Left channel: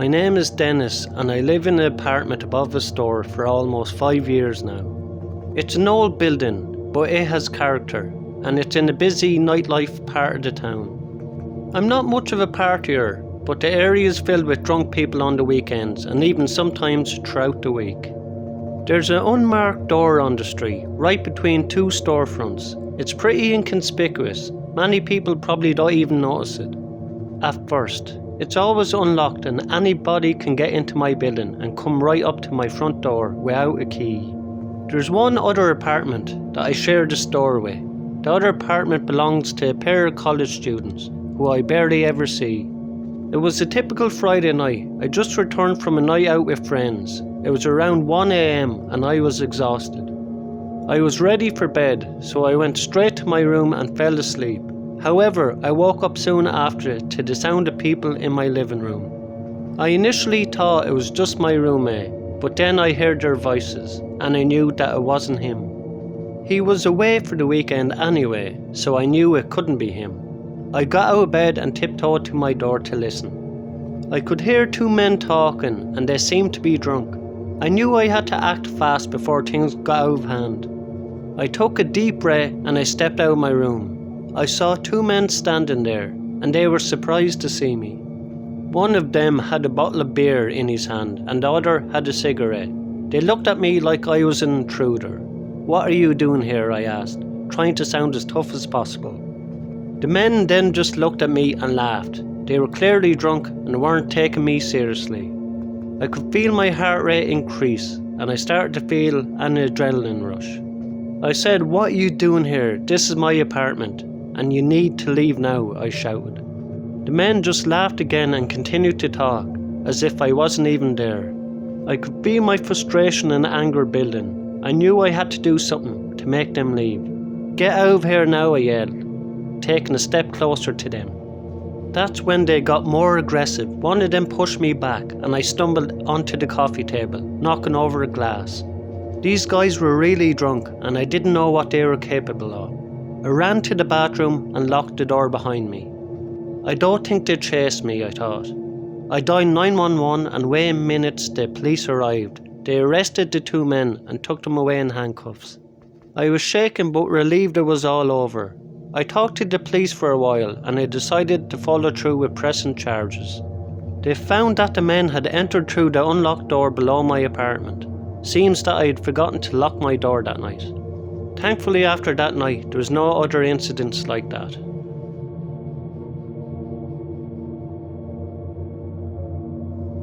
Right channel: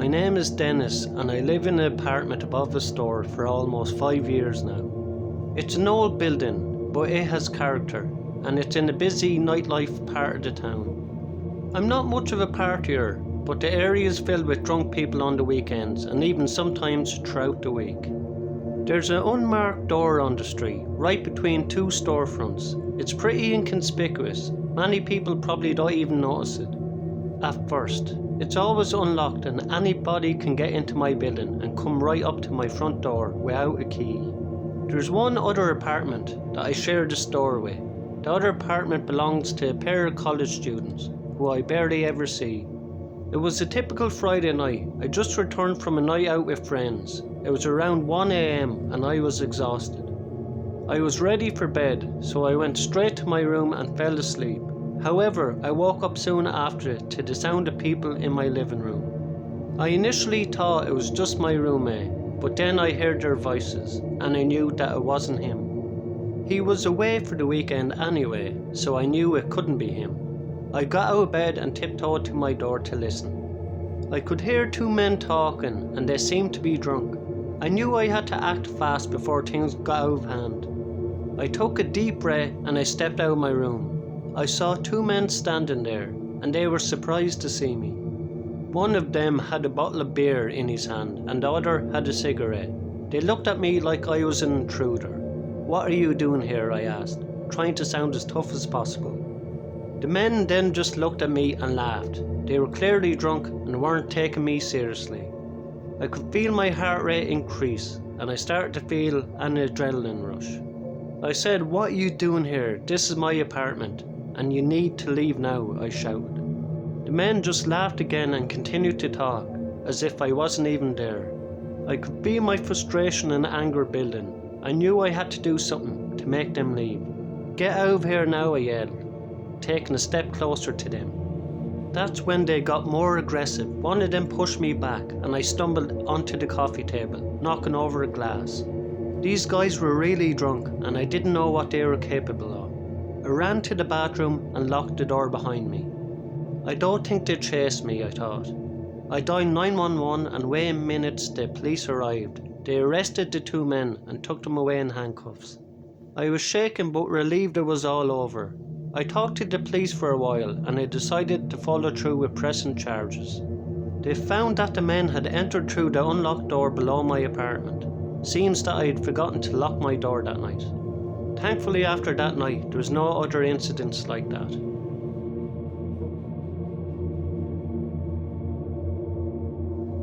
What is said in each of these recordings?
My name is Dennis and I live in an apartment above a store for almost 5 years now. It's an old building, but it has character, and it's in a busy nightlife part of the town. I'm not much of a partier, but the area is filled with drunk people on the weekends and even sometimes throughout the week. There's an unmarked door on the street, right between two storefronts. It's pretty inconspicuous. Many people probably don't even notice it at first. It's always unlocked and anybody can get into my building and come right up to my front door without a key. There's one other apartment that I share the store with. The other apartment belongs to a pair of college students who I barely ever see. It was a typical Friday night. I just returned from a night out with friends. It was around 1 AM and I was exhausted. I was ready for bed, so I went straight to my room and fell asleep. However, I woke up soon after to the sound of people in my living room. I initially thought it was just my roommate, but then I heard their voices and I knew that it wasn't him. He was away for the weekend anyway, so I knew it couldn't be him. I got out of bed and tiptoed to my door to listen. I could hear two men talking and they seemed to be drunk. I knew I had to act fast before things got out of hand. I took a deep breath and I stepped out of my room. I saw two men standing there and they were surprised to see me. One of them had a bottle of beer in his hand and the other had a cigarette. They looked at me like I was an intruder. "What are you doing here?" I asked, trying to sound as tough as possible. The men then just looked at me and laughed. They were clearly drunk and weren't taking me seriously. I could feel my heart rate increase and I started to feel an adrenaline rush. I said, "What are you doing here? This is my apartment and you need to leave now," I shouted. The men just laughed again and continued to talk as if I wasn't even there. I could feel my frustration and anger building. I knew I had to do something to make them leave. "Get out of here now," I yelled, taking a step closer to them. That's when they got more aggressive. One of them pushed me back and I stumbled onto the coffee table, knocking over a glass. These guys were really drunk and I didn't know what they were capable of. I ran to the bathroom and locked the door behind me. I don't think they'd chase me, I thought. I dialed 911 and within minutes the police arrived. They arrested the two men and took them away in handcuffs. I was shaken but relieved it was all over. I talked to the police for a while and I decided to follow through with pressing charges. They found that the men had entered through the unlocked door below my apartment. Seems that I had forgotten to lock my door that night. Thankfully after that night there was no other incidents like that.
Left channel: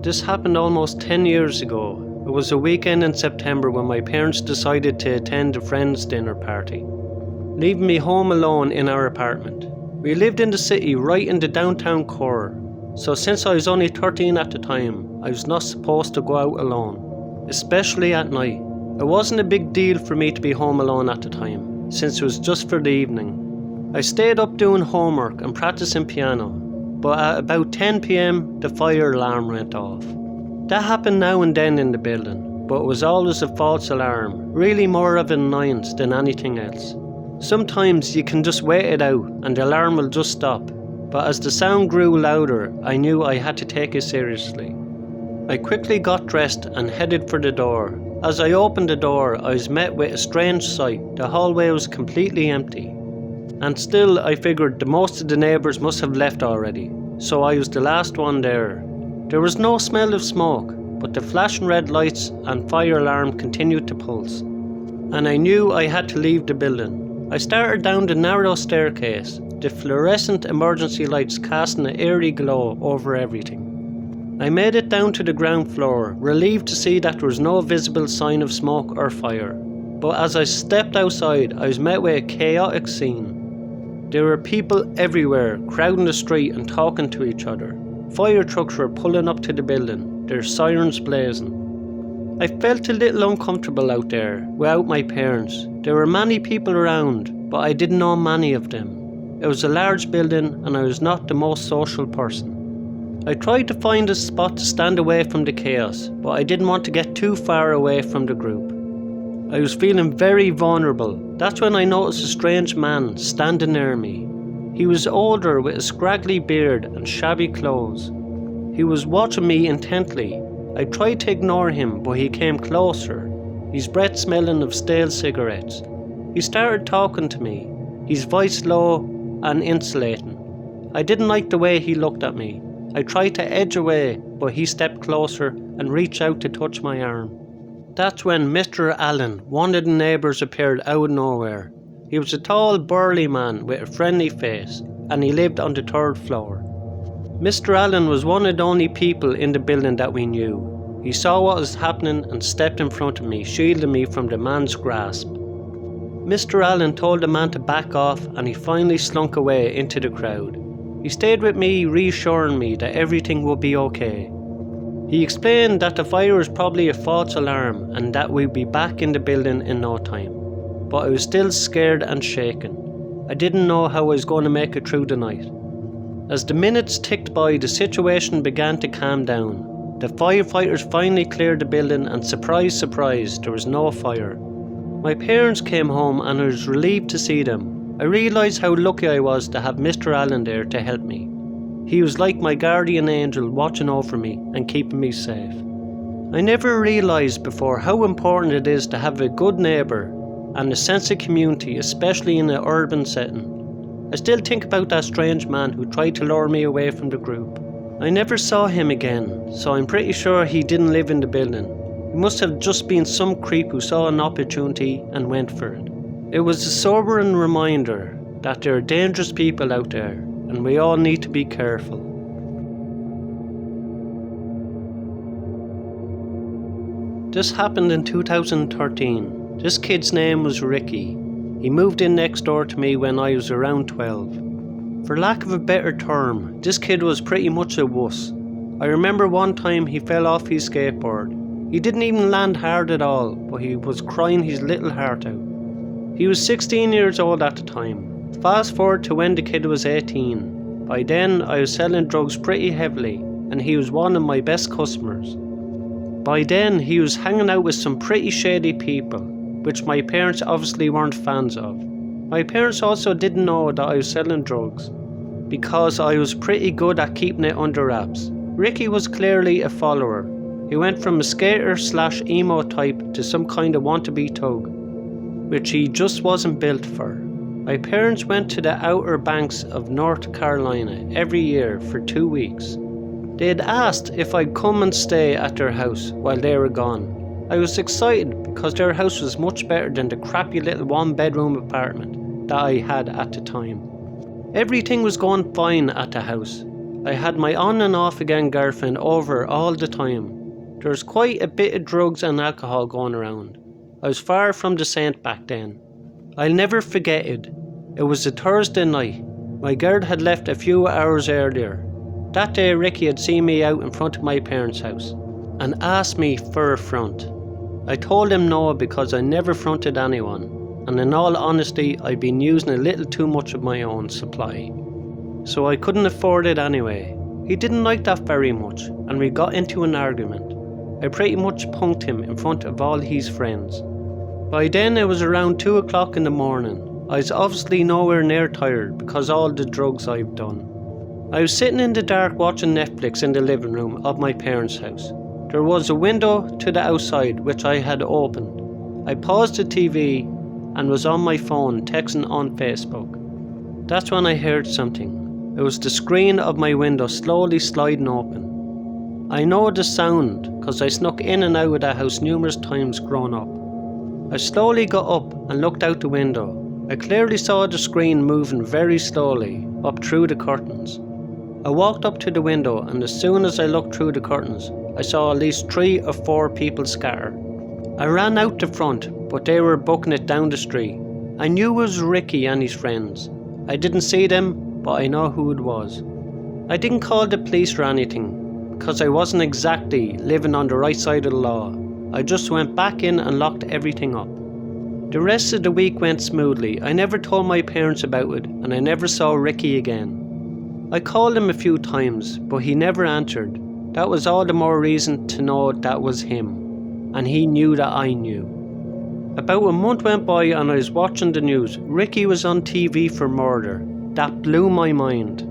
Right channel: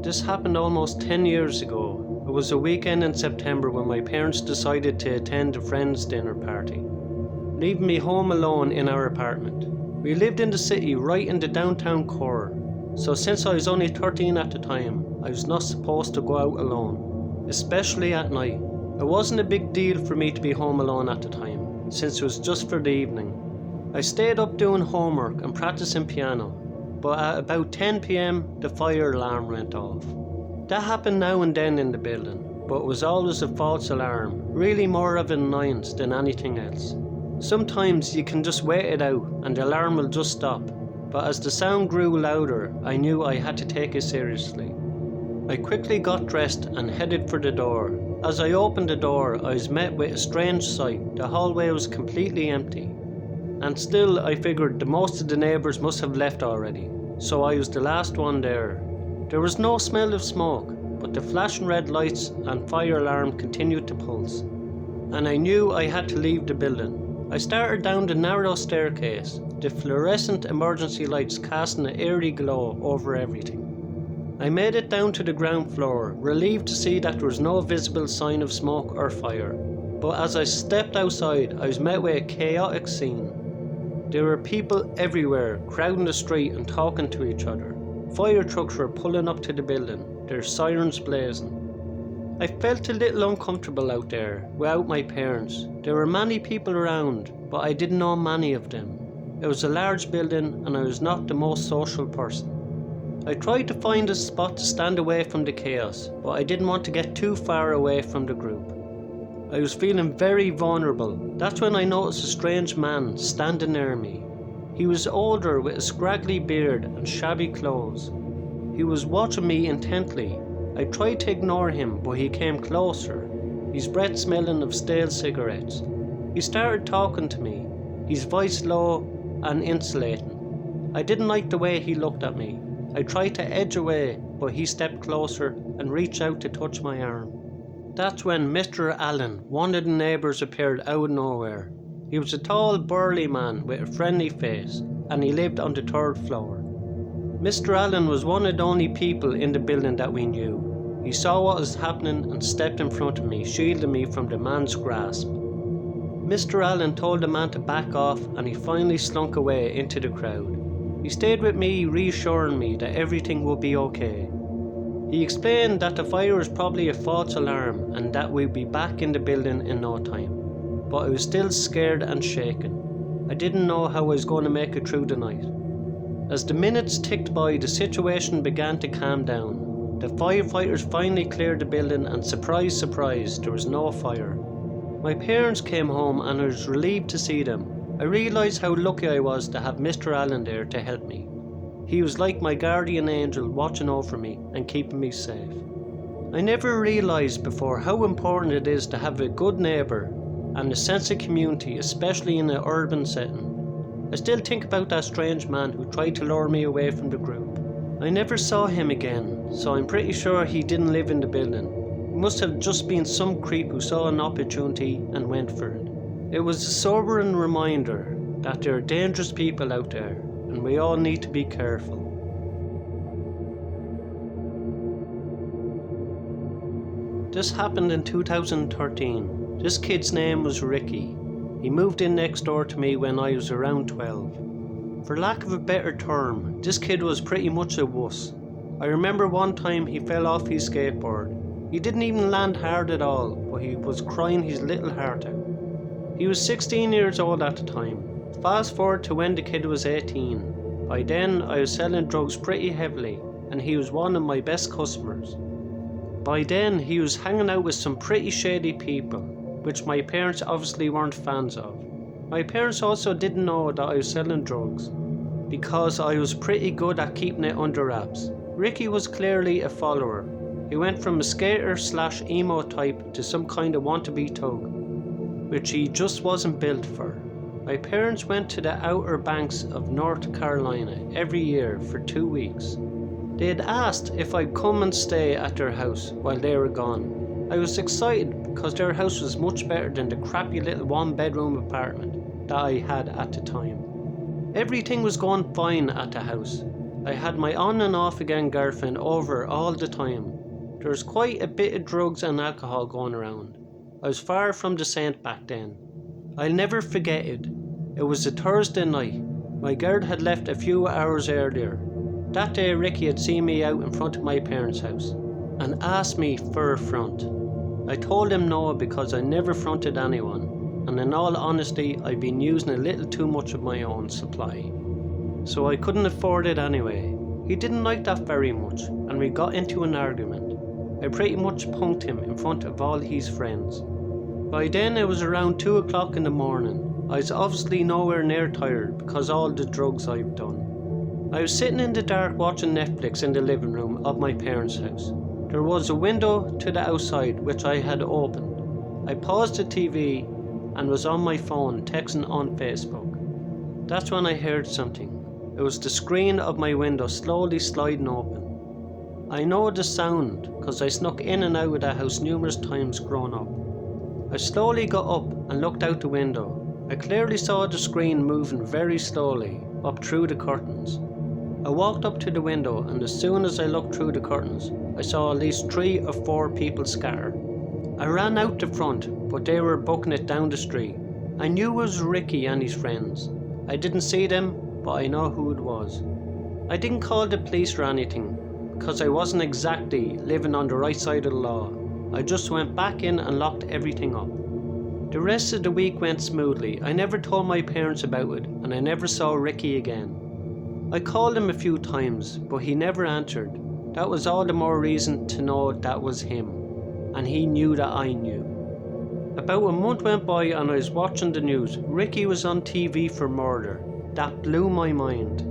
This happened almost 10 years ago. It was a weekend in September when my parents decided to attend a friend's dinner party, leaving me home alone in our apartment. We lived in the city right in the downtown core, so since I was only 13 at the time, I was not supposed to go out alone, especially at night. It wasn't a big deal for me to be home alone at the time, since it was just for the evening. I stayed up doing homework and practicing piano, but at about 10 PM the fire alarm went off. That happened now and then in the building, but it was always a false alarm, really more of an annoyance than anything else. Sometimes you can just wait it out and the alarm will just stop, but as the sound grew louder, I knew I had to take it seriously. I quickly got dressed and headed for the door. As I opened the door, I was met with a strange sight. The hallway was completely empty. And still, I figured the most of the neighbours must have left already, so I was the last one there. There was no smell of smoke, but the flashing red lights and fire alarm continued to pulse, and I knew I had to leave the building. I started down the narrow staircase, the fluorescent emergency lights casting an eerie glow over everything. I made it down to the ground floor, relieved to see that there was no visible sign of smoke or fire. But as I stepped outside, I was met with a chaotic scene. There were people everywhere, crowding the street and talking to each other. Fire trucks were pulling up to the building, their sirens blazing. I felt a little uncomfortable out there, without my parents. There were many people around, but I didn't know many of them. It was a large building and I was not the most social person. I tried to find a spot to stand away from the chaos, but I didn't want to get too far away from the group. I was feeling very vulnerable. That's when I noticed a strange man standing near me. He was older with a scraggly beard and shabby clothes. He was watching me intently. I tried to ignore him, but he came closer, his breath smelling of stale cigarettes. He started talking to me, his voice low and insulating. I didn't like the way he looked at me. I tried to edge away, but he stepped closer and reached out to touch my arm. That's when Mr. Allen, one of the neighbours, appeared out of nowhere. He was a tall, burly man with a friendly face, and he lived on the 3rd floor. Mr. Allen was one of the only people in the building that we knew. He saw what was happening and stepped in front of me, shielding me from the man's grasp. Mr. Allen told the man to back off, and he finally slunk away into the crowd. He stayed with me, reassuring me that everything would be okay. He explained that the fire was probably a false alarm and that we'd be back in the building in no time. But I was still scared and shaken. I didn't know how I was going to make it through the night. As the minutes ticked by, the situation began to calm down. The firefighters finally cleared the building, and surprise, surprise, there was no fire. My parents came home and I was relieved to see them. I realised how lucky I was to have Mr. Allen there to help me. He was like my guardian angel, watching over me and keeping me safe. I never realised before how important it is to have a good neighbour and a sense of community, especially in an urban setting. I still think about that strange man who tried to lure me away from the group. I never saw him again, so I'm pretty sure he didn't live in the building. He must have just been some creep who saw an opportunity and went for it. It was a sobering reminder that there are dangerous people out there, and we all need to be careful. This happened in 2013. This kid's name was Ricky. He moved in next door to me when I was around 12. For lack of a better term, this kid was pretty much a wuss. I remember one time he fell off his skateboard. He didn't even land hard at all, but he was crying his little heart out. He was 16 years old at the time. Fast forward to when the kid was 18. By then I was selling drugs pretty heavily, and he was one of my best customers. By then he was hanging out with some pretty shady people, which my parents obviously weren't fans of. My parents also didn't know that I was selling drugs, because I was pretty good at keeping it under wraps. Ricky was clearly a follower. He went from a skater/emo type to some kind of wannabe thug, which he just wasn't built for. My parents went to the Outer Banks of North Carolina every year for 2 weeks. They had asked if I'd come and stay at their house while they were gone. I was excited because their house was much better than the crappy little 1-bedroom apartment that I had at the time. Everything was going fine at the house. I had my on and off again girlfriend over all the time. There was quite a bit of drugs and alcohol going around. I was far from the saint back then. I'll never forget it. It was a Thursday night. My girl had left a few hours earlier. That day Ricky had seen me out in front of my parents' house and asked me for a front. I told him no because I never fronted anyone, and in all honesty I'd been using a little too much of my own supply, so I couldn't afford it anyway. He didn't like that very much, and we got into an argument. I pretty much punked him in front of all his friends. By then it was around 2 o'clock in the morning. I was obviously nowhere near tired because of all the drugs I've done. I was sitting in the dark watching Netflix in the living room of my parents' house. There was a window to the outside which I had opened. I paused the TV and was on my phone texting on Facebook. That's when I heard something. It was the screen of my window slowly sliding open. I know the sound because I snuck in and out of the house numerous times growing up. I slowly got up and looked out the window. I clearly saw the screen moving very slowly up through the curtains. I walked up to the window, and as soon as I looked through the curtains, I saw at least 3 or 4 people scatter. I ran out the front, but they were booking it down the street. I knew it was Ricky and his friends. I didn't see them, but I know who it was. I didn't call the police or anything, because I wasn't exactly living on the right side of the law. I just went back in and locked everything up. The rest of the week went smoothly. I never told my parents about it, and I never saw Ricky again. I called him a few times, but he never answered. That was all the more reason to know that was him, and he knew that I knew. About a month went by and I was watching the news. Ricky was on TV for murder. That blew my mind.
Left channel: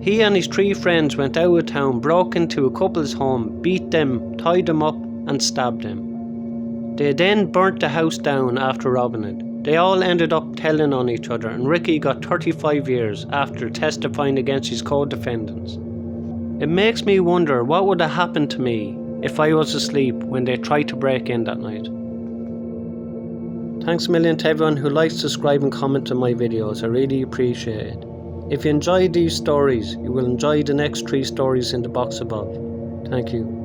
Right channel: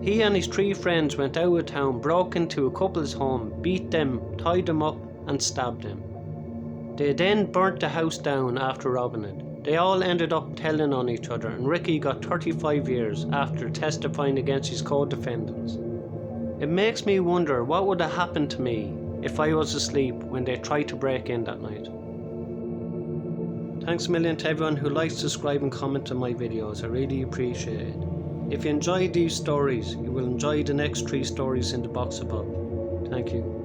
He and his 3 friends went out of town, broke into a couple's home, beat them, tied them up and stabbed them. They then burnt the house down after robbing it. They all ended up telling on each other, and Ricky got 35 years after testifying against his co-defendants. It makes me wonder what would have happened to me if I was asleep when they tried to break in that night. Thanks a million to everyone who likes, subscribe and comment on my videos. I really appreciate it. If you enjoyed these stories, you will enjoy the next 3 stories in the box above. Thank you.